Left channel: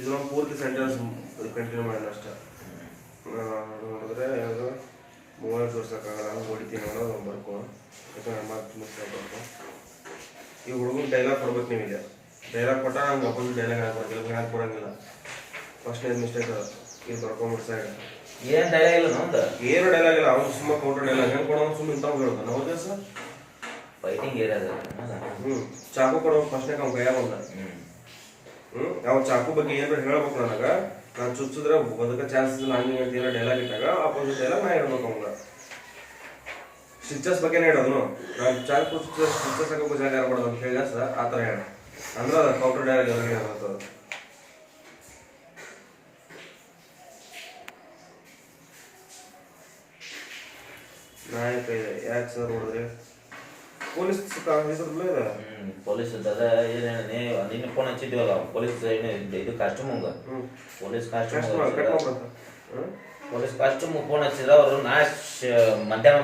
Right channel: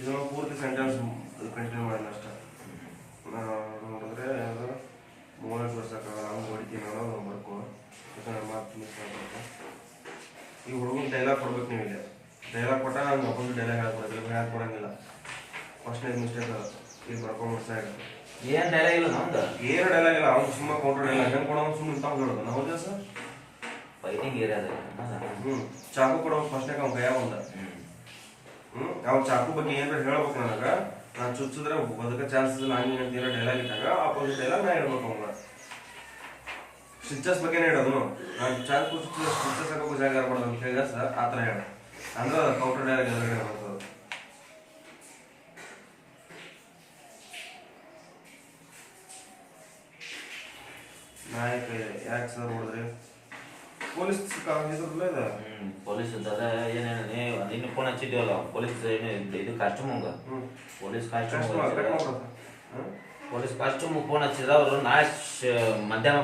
ಇದೊಂದು ಪೂರ್ತಿ sentence continue ಮಾಡಿಲ್ಲ ಅಷ್ಟೇ. ನೋಡಿದ್ರೆ ಯಾವುದು 30 ವರ್ಷಕ್ಕಾಗಲ್ಲ ಅವ್ನು ಹೊಡಿತೀನಿ ಅನ್ನೋದು ಬರ್ಕೊ ಮಾತು ಮಿಸ್ ಆಗ್ಬೇಕು. ಈ ಹುಡುಗನ ಡೈಲಾಗ್ ಕೊಡ್ಬೇಕು. ನೀವು ಇಲ್ಲಿ ಡೈಲಾಗ್ ಕೊಟ್ಟ ನಂಗೆ ಅಪೋಸಿಟ್ ಡೈಲಾಗ್ ಹಾಕ್ಕೊಡಂಗಿಲ್ಲ. ಫಸ್ಟ್ ಮಿಸ್ಟೇಕ್ ಇದು ಬರ್ಕೊಂಬಿಟ್ಟು ಸೈಡ್ ಏನು ಡೈಲಾಗ್ ಇಲ್ಲ ನಮ್ದು, ಏನು ಡೈಲಾಗ್ ಇಲ್ಲ. ಅವ್ನು ಸುಮ್ಮ ಕೌಂಟರ್ ಡೈಲಾಗ್ ಹೆಂಗೆ ಕೊಡೋದು ಸುಮ್ಮನೆ ಇಂಥವು ಹೇಳೋದು ನಾವು ಸರ್ ಫೈಟಿಂಗ್ ಏರಿಯಾದ. ಚಾಕು ಕೊಡೋ ಫಸ್ಟ್ನಾಗ ಅವ್ನು ಕೈಯಾಗ ಬಂದ. ಅವ್ನು ಚಾಕು ಬಗ್ಗೆ ಏನಾರ ಹೇಳ್ಬೇಕು ನನಗೆ, ನಾನು ಚುಚ್ಚಿದ್ರೆ ಬದುಕ ಚಾನ್ಸಸ್ ನಾನು ಅಂತ ಏನೋ ಡೈಲಾಗ್ ಇಟ್ಟಾಗ ಅಪೋಸಿಟ್ ಡೈಲಾಗ್ ನಾ ಹೇಳ್ಬೇಕು ಅವಂಗ. ಸ್ಟಿಚಸ್ ಬಗ್ಗೆನೇ ಹೇಳೋದು. ನಾನು ಚಾಕು ಸ್ಟಿಚಸ್ ಹಾಕೋಕೆ ಜಾಗ ಇರಬಾರ್ದು ಅಂತ ಹೇಳಿ ಸರ್ ಆ ಥರ ಹೇಳ ಅಂದ್ರೆ ಕೌಂಟರ್ ಡೈಲಾಗ್ ಎಲ್ಲ ಹೇಳೋದು. ನಾಯಕ ಇದೆ ಯಾಕೆ ಸರ್ ನೋಡಿದ್ರೆ ಪೊಲೀಸ್ ಇದ್ರಲ್ಲೇ ಇದೆ. ಪೊಲೀಸ್ ಇದ್ದಾಗ ಏನೇನೇ ಅದಿನ್ನು ಫೋನ್ ಹಚ್ಚಿದ್ವಲ್ಲ ಪೊಲೀಸ್ ಇದು ಕಾಸ್ಟ್ಯೂಮ್ ಪೊಲೀಸ್ ಕಾಸ್ಟ್ಯೂಮ್ ಫೋನ್ ಹಚ್ಚಿದ್ರೆ ಅವರು ನಾಳೆ ಮಧ್ಯಾಹ್ನ